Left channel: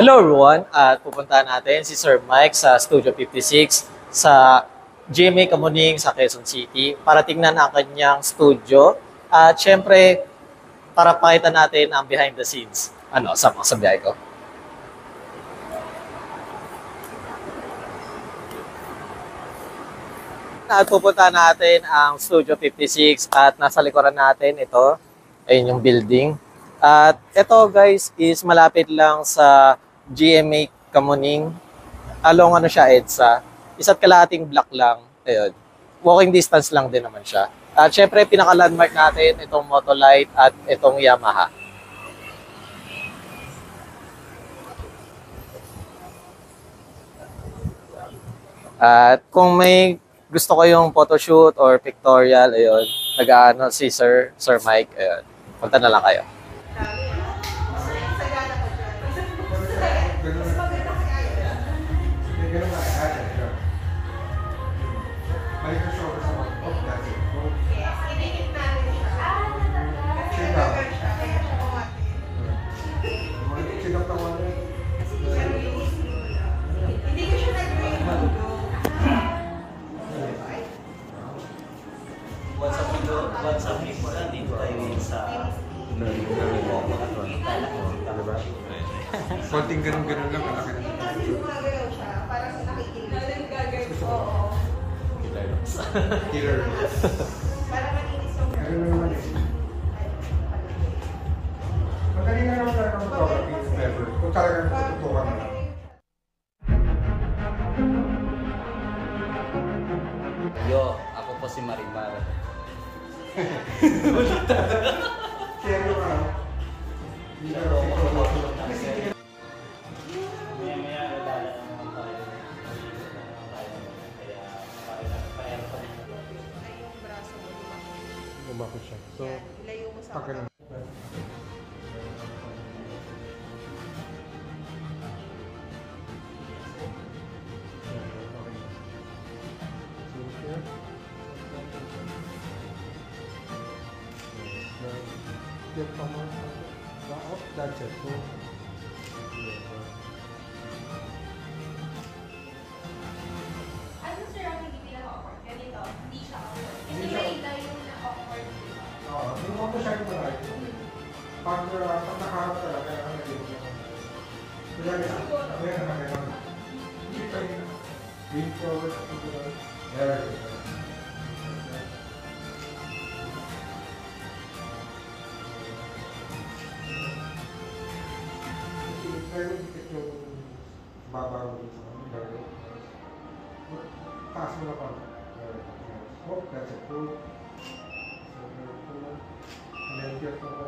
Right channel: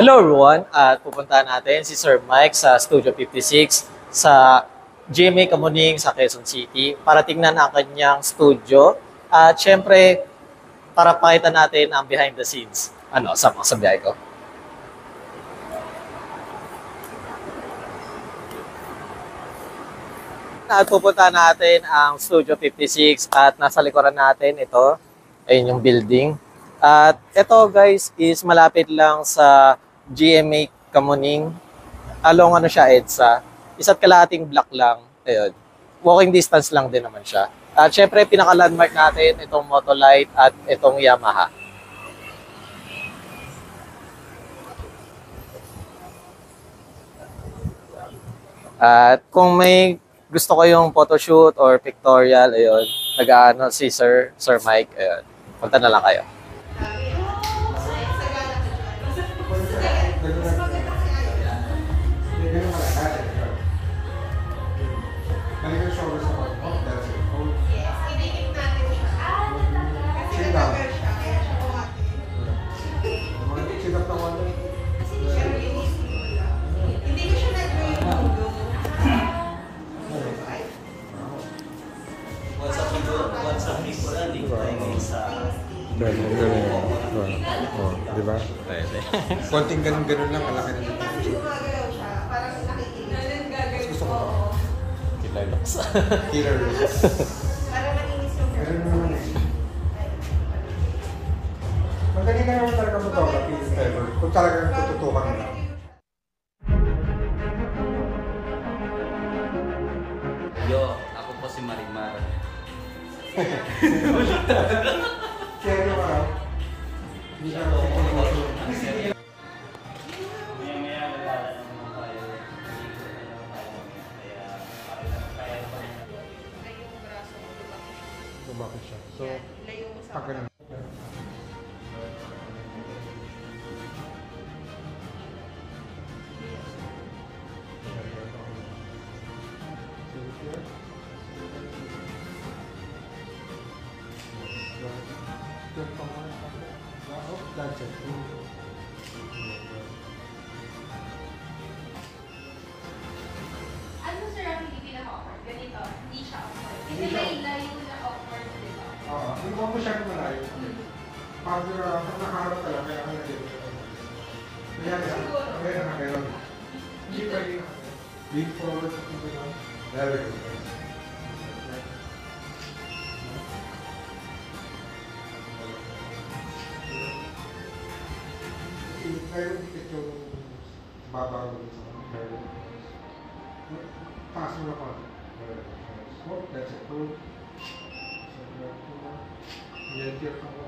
Hello everyone, at pupuntahan natin si Sir Mike sa Studio 56 sa GMA Kamuning sa Quezon City para tingnan ang kanyang studio at syempre para pakita natin ang behind the scenes. Sama sa biyahe ko. At pupuntahan natin ang Studio 56 at nasa likuran natin ito, ayun yung building. At ito guys is malapit lang sa GMA Kamuning. Along siya EDSA. Isa't kalahating block lang. Ayun. Walking distance lang din naman siya. At syempre pinaka-landmark natin itong Motolite at itong Yamaha. At kung may gusto ko yung photoshoot or pictorial, ayun, nag-aano si Sir Mike, ayun. Punta na lang kayo. WhatsApp people lang, dito tayo ngayon sa diba? Konting ganun-ganun lang, kalaki na dito. Gusto ko ba? Killer looks. Ganun naman eh. Magaling ka naman talaga photography if ever. Kung talagang tututukan mo. Ako po si Marimar. Kaya ka, hindi ka naman bakit siya. So, tagal lang. That's it. Ano sir ang hindi pinaka-awkward? Ganito, hindi siya awkward. Kasi may line na awkward, di ba? Oo, hindi mo masyadong malayo. Pag nakaharap ka lang, kaya kaya dito. Kaya na nakailan. Hindi pwede na. Lean forward sa kung doon. Very good. Pero hindi yung babaw sa mga taas mo na pa. Oh, that's it. Hold. So, and then get from the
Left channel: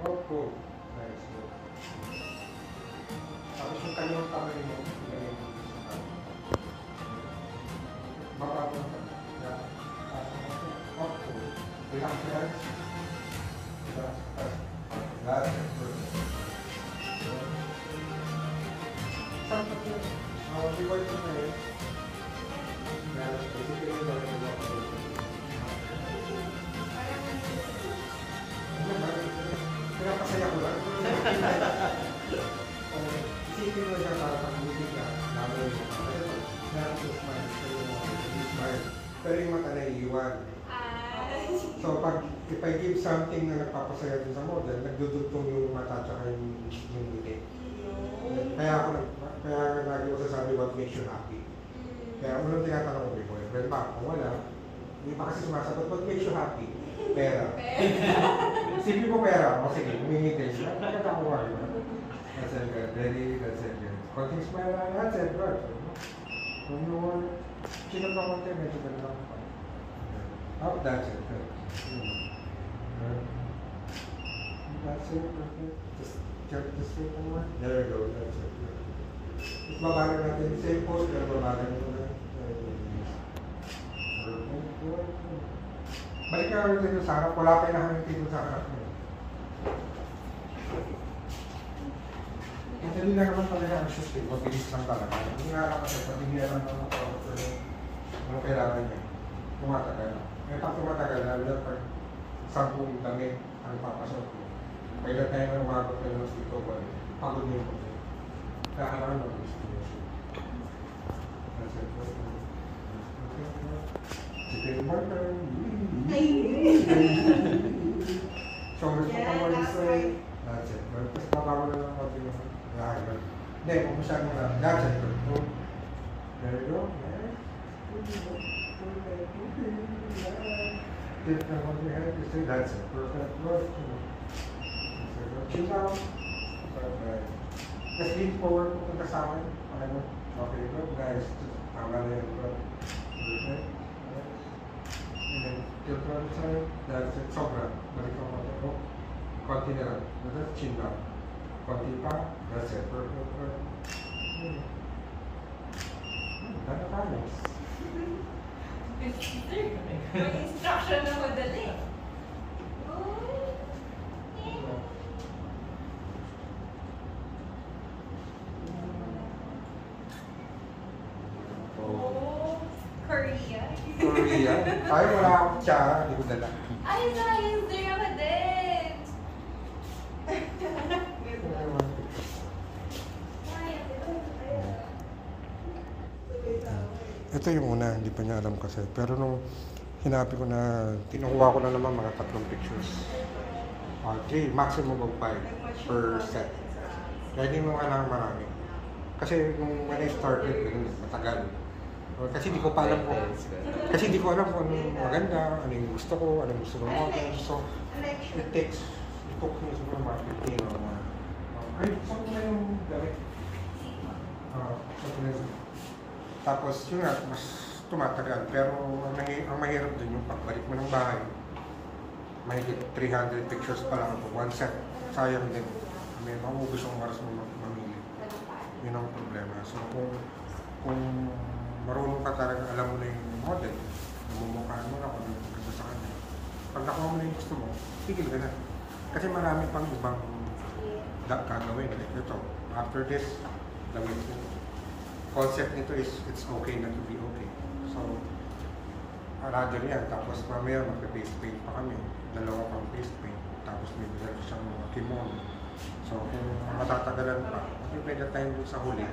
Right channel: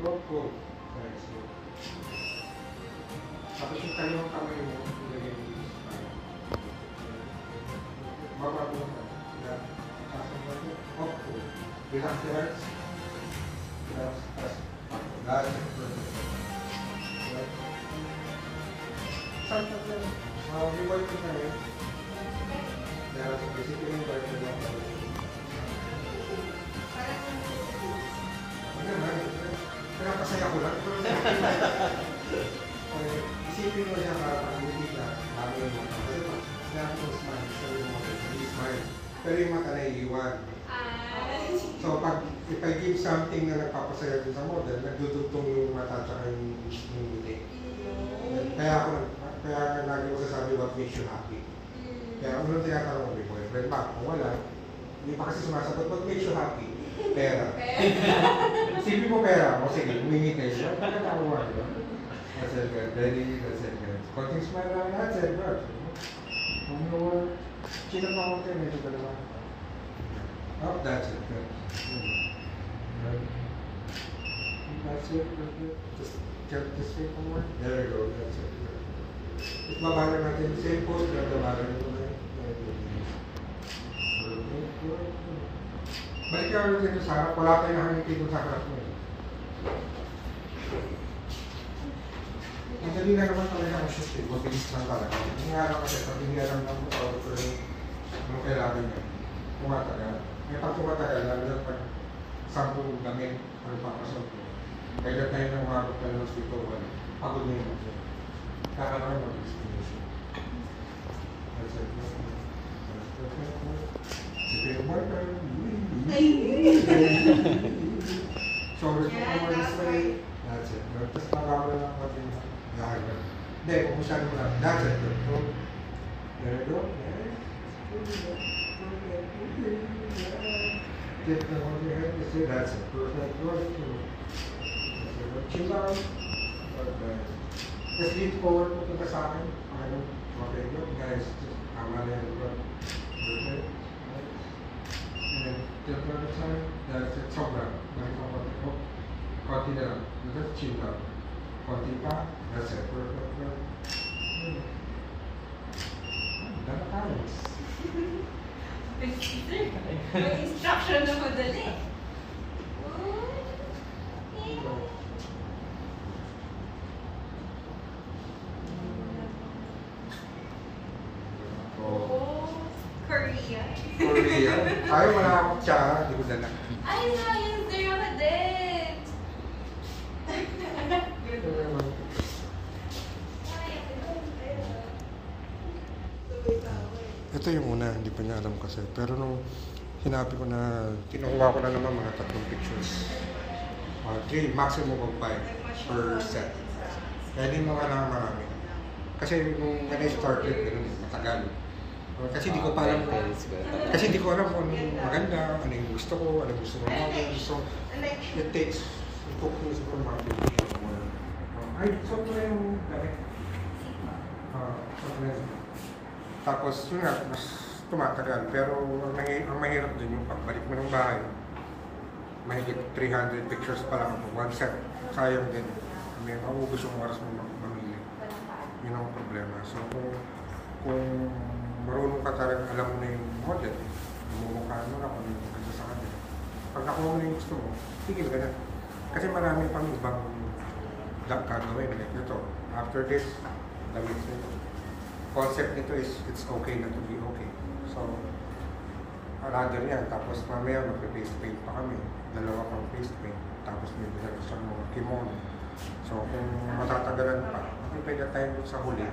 go. That's good. Tapos yung tayo ng kamay mo, babaw mo na taas mo na up, hold. Relax your eyes. Relax. That's it. Perfect. Sometimes yun, reward ko na yun. Dahil basically yung reward ko na ako. Pinapasaya ko lang. Isipin mo siya para pag-ibig ka, dami yung mata. Kasi pag sinabi ko smile, pero yung mata na iiwan. So if I give something na nagpapasaya din sa model, nagdudugtong yung mata at yung ngiti. Kaya lagi ko sasabi what makes you happy. Kaya unang tinatanong ko, may boyfriend ba? Kung wala, hindi pa kasi sumasagot, what makes you happy? Pera. Simple mo pera. O sige, umingiti siya. Bakit ako wala? That's it, good. Ready? That's it, good. Konting smile lang. That's it, good. Kung you want, chikap na konti, medyo gano'n lang pa. Up, that's it, good. That's it, perfect. Just get this way forward. There we go, that's it. If mabala natin same pose, pero mabala nito na yun. Balik ka ulit dito sa harap, wala tayo nakangiti dun sa harap mo. Madali na naman talaga ang shoot, mabilis lang talaga. Yung araw kasi, pag hindi alam lang ang tawag ko yung kailangan niya, tumatagal. Ngayon pag tumatagal, lalo na pag 10 damit ang papasok ko. Kaya tayo nang umabot ka ng dito, pagod mo siya. Kakaroon ng destination. That's it. Sipin mo tayo. So, gusto ko mo say, that's it. Tapos nabawa na lang konti yung nakagad. Hindi, kung saan mo lang, that's it. So, there you go. Click na on your head, you say, that's it. Perfect. Right. Chin down. Okay. Just lean forward, pupunta sa akin. Okay, good. Nice. Just tama na yun. Good. Perfect. And then, tilt to the side. That's it. Sobra. Balik ang konti. Oh. Konti na lang. That's chin down. Konti pa. That's it. Perfect. Good. Dala tayo. May instruction na madali. Oh, Korea. Korea. Ay, wala akong tsaka. Hindi ko dala. Ay, nice! There ako din! Ito yung una, hindi pa niya alam kasi. Pero nung hinabi ko na, tinakuha ko na naman mga 3 pictures. Okay, maximum of 5 per set. Kaya hindi mo kailangan marami. Kasi when I started, matagal. Kasi hindi ko pa alam kung, kasi hindi ko alam kung anong maganda, ano yung gusto ko, ano yung gusto ko natin. So, it takes, it took me siguro mga 15 or more. Ay, saan mo na yung gamit? Tapos, yun nga, mas tumatagal. Pero ang mahirap din yung pagbalik mo ng bahay. Mahigit 300 pictures pa lang po. One set, sayang din. May maubos yung oras mo mamili. Yun ang problema. So, kung marunong ka talaga, alam mo na yung model, namumukhaan mo na kung ano yung maganda sa kanya. Pag nakuha mo na yung gusto mo, tigil ka na. Kasi marami pang ibang gagawin. Like ito, after this, damit nito. Concept nito is, it's okay na to be okay. So, rather yan. Tapos mamaya mag-face paint pa kami. 2 pang face paint. Tapos may dala siyang mga kimono. So, kung matatagalan pa, kung pwede tayo doon sa huli,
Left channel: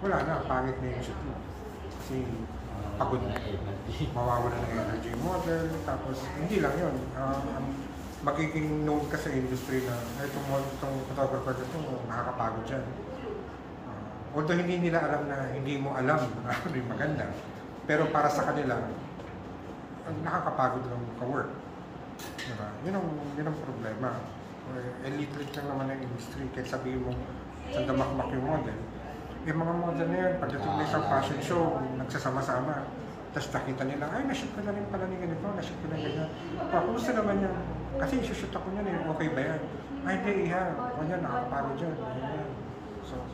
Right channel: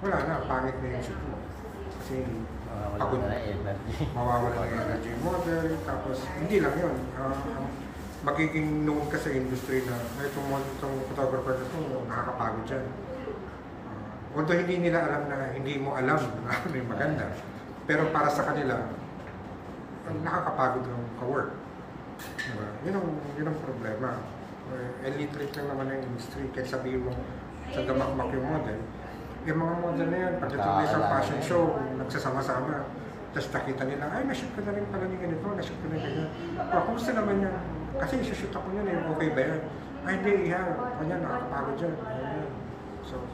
wala na, pangit na yung shoot mo. Kasi pagod na mawawala na yung energy model. Tapos, hindi lang yun. Magiging known ka sa industry na itong photographer ito, nakakapagod dyan. Although hindi nila alam na hindi mo alam na ano yung maganda. Pero para sa kanila, nakakapagod ng ka-work. Diba? Yun ang problema. Elite lang naman ng industry. Kahit sabihin mo, sa damakmak yung model. Yung mga model na yan, pagdating na isang fashion show, nagsasama-sama. Tapos nakita nila, ay, nashoot ko na rin pala ni ganito, nashoot ko na ganyan. Kumusta naman yan? Kasi isushoot ako yan, okay ba yan? Ay, hindi, yeah. Ganyan, nakakapagod dyan. Ganyan. So,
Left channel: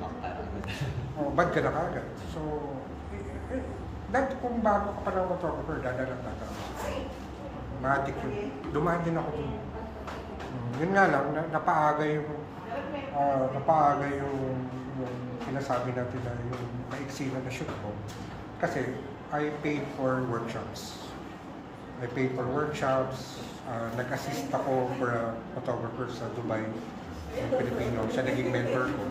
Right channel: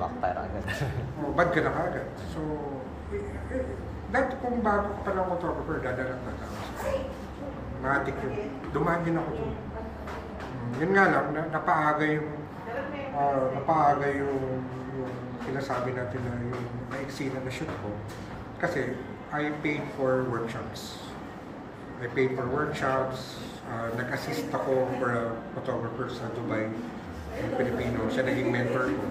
backfire agad. Bad ka na kagad. So, dahil kung bago ka pa ng photographer, dadalang na tao. Matik yun. Dumaan din ako dun. Yun nga lang, napaaga yung sinasabi natin na yung maiksi na shoot ko. Kasi, I paid for workshops. Nag-assist ako for a photographer sa Dubai, yung Pilipino. Siya naging mentor ko.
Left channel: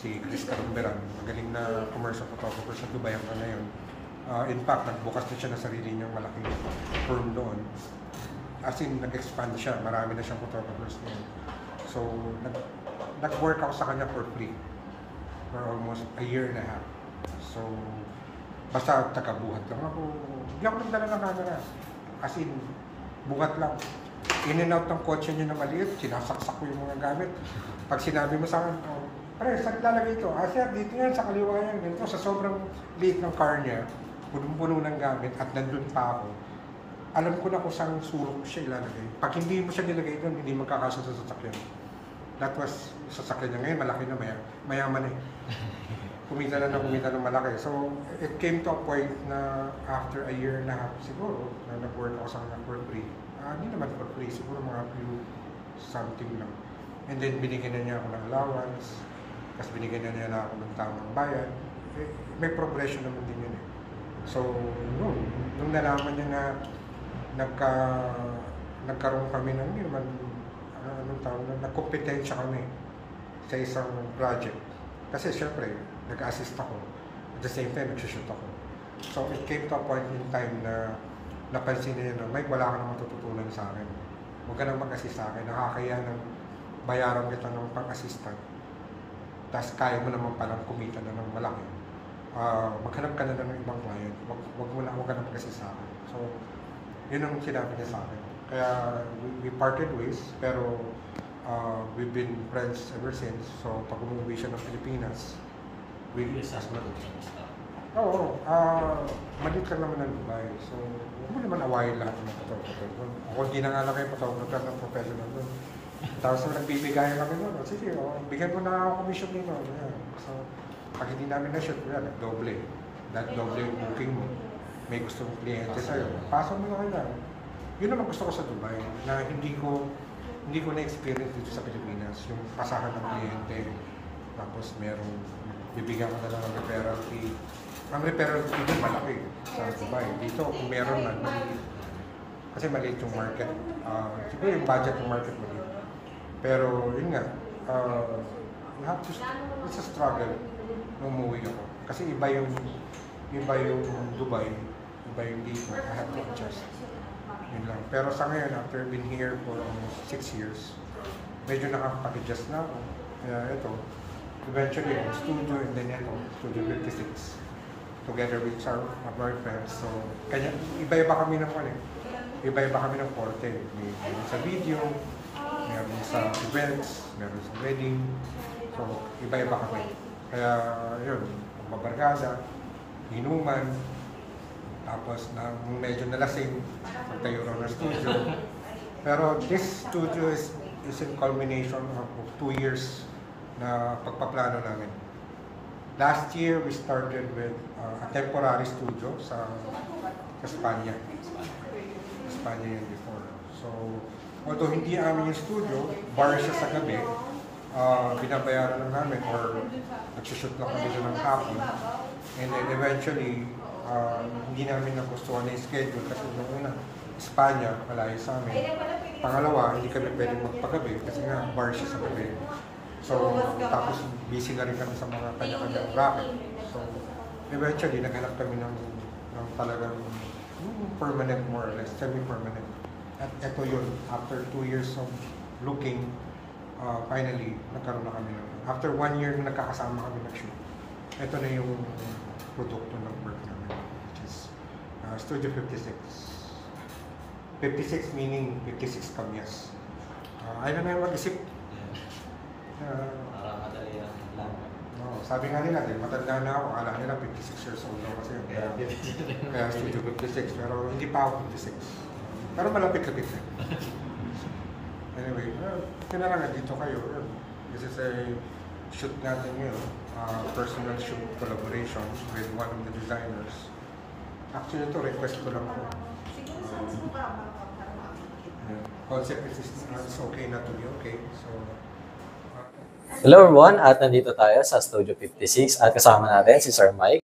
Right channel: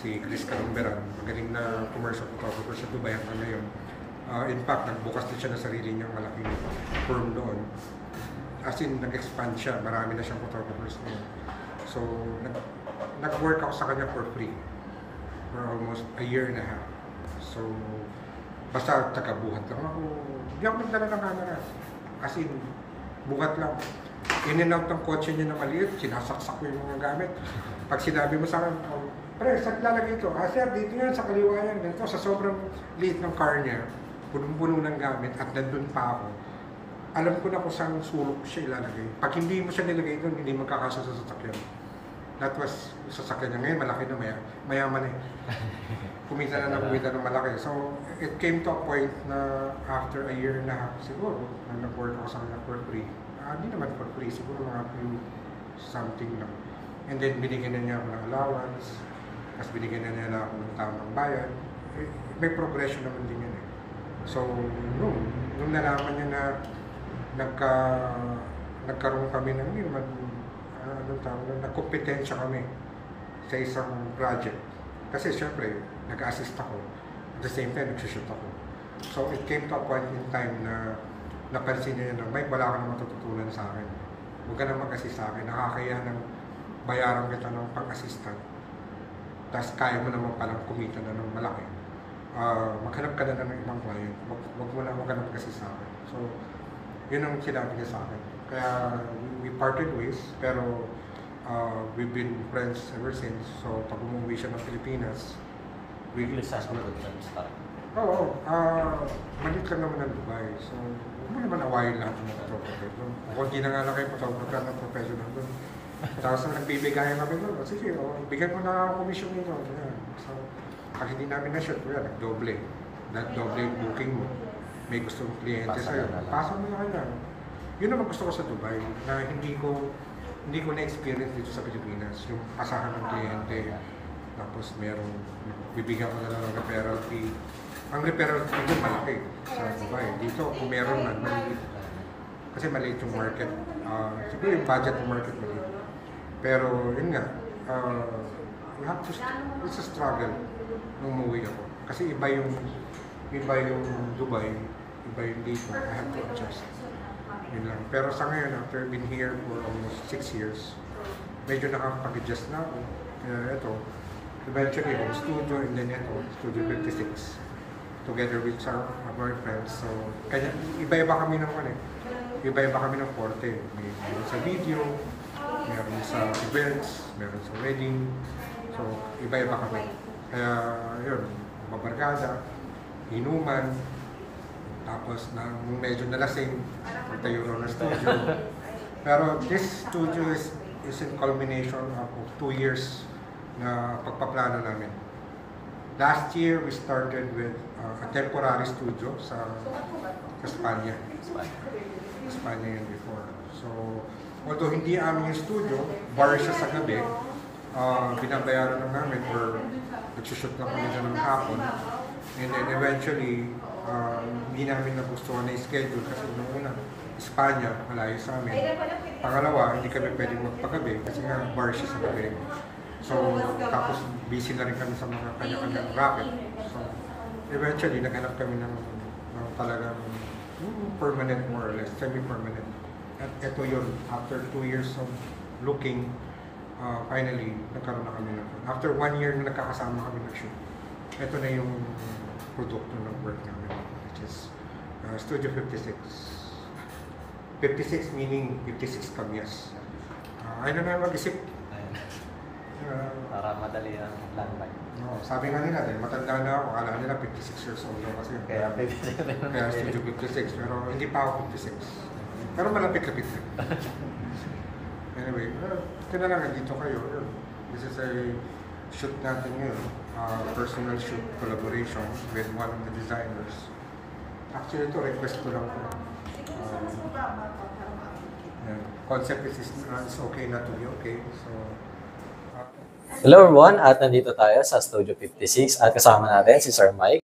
Si Chris Calamberan, magaling na commercial photographer sa Dubai hanggang ngayon. In fact, nagbukas din siya ng sarili niyang malaking firm doon. As in, nag-expand siya. Marami na siyang photographers ngayon. So, nag-work ako sa kanya for free for almost a year and a half. So, basta taga-buhat lang ako. Hindi ako nagdala ng camera. As in, buhat lang. In and out ng kotse niya na maliit, sinasaksak ko yung mga gamit. Pag sinabi mo sa akin, pre, saan lalagay ito? Sir, dito yan, sa kaliwa yan. Ganito, sa sobrang liit ng car niya, punong-puno ng gamit at nandun pa ako. Alam ko na kung saan sulok siya ilalagay. Pag hindi mo siya nilagay doon, hindi magkakasya sa sasakyan. That was, sasakyan niya ngayon, malaki na mayaman eh. Kumita na ng malaki. So, it came to a point na after a year and a half siguro, na nag-work ako sa kanya for free. Hindi naman for free, siguro mga few something lang. And then, binigyan na niya ako ng allowance. Tapos binigyan na niya ako ng tamang bayan. May progression naman din yun eh. So, nung nalaman niya na nagkaroon kami ng nagkompetensya kami sa isang project. Kasi syempre, nag-assist ako. At the same time, nag-shoot ako. So it came to a point in time na napansin niya na, Mike, wala ka nang matututunan sa akin. Huwag ka nang mag-assist sa akin. Nakakaya ng bayaran kita ng pang-assistant. Tapos kaya mo naman palang kumita na ng malaki. Maghanap ka na ng ibang client. Huwag ka na mag-assist sa akin. So, yun ang sinabi niya sa akin. Kaya we parted ways, pero we've been friends ever since. So, pag umuwi siya ng Pilipinas, Oo, maliit lang naman ng Dubai. So, huwag mo naman awayin lahat ng mga photographer doon. Kung hindi na nga lang kayo photographer ng professional doon. Tapos na nagbibigayan kami doon, sige, bigyan ko na ako commission nito. Yeah. So, pag hindi namin na-shoot, doble. Doble yung booking mo. May gusto mong kliyente sa'yo. Pasok mo na lang. Yun naman gusto ko sa Dubai, na hindi ko na-experience dito sa Pilipinas. Yung pasahan ng kliyente, tapos merong bibigyan ko na lang ng referral fee. Ang referral fee din malaki sa Dubai. Dito, kung meron man, maliit. Kasi maliit yung market. Siguro yung budget ng market maliit. Pero yun nga, it's a struggle nung umuwi ako. Kasi iba yung Dubai, iba yung dito. I have to adjust. Yun lang. Pero sa ngayon, after being here for almost 6 years, medyo nakakapag-adjust na ako. Kaya ito, eventually on studio, and then ito, Studio 56. Together with our friends. So, kanya, iba-iba kami ng iba-iba kami ng forte. Meron sa video, meron sa events, meron sa wedding. So, iba-iba kami. Kaya, yun, mabarkada, inuman, tapos nung medyo nalasing, pagtayo rin ng studio. Pero this studio is in culmination of 2 years na pagpaplano namin. Last year, we started with a temporary studio sa Espanya. Espanya yun before. So, although hindi amin yung studio, bar siya sa gabi, binabayaran lang namin or nagsushoot lang kami dyan ng hapon. And then eventually, hindi namin nagustuhan na schedule kasi nung una, Espanya, malayo sa amin. Pangalawa, hindi kami pwedeng magpagabi kasi nga bar siya sa gabi. So, tapos busy na rin kami sa mga kanya-kanyang racket. So, eventually, naghanap kami ng talagang permanent, more or less, semi-permanent. At ito yun, after 2 years of looking, finally, nagkaroon na kami ng, after 1 year na nagkakasama kami nag-shoot, ito na yung produkto ng work namin, which is Studio 56. 56 meaning 56 kamyas. Ayaw na mag-isip. Para madali ang landmark. No, sabi nga nila, dahil matanda na ako, alam nila 56 years old na kasi. Kaya 56 rin. Kaya Studio 56, pero hindi pa ako 56. Pero malapit-lapit na. Anyway, ito na lang, dito kayo. Yun. This is a shoot natin ngayon. Personal shoot collaboration with one of the designers. Actually, ito, request ko lang po. Concept is it's okay not to be okay. So, Hello everyone, at nandito tayo sa Studio 56 at kasama natin si Sir Mike.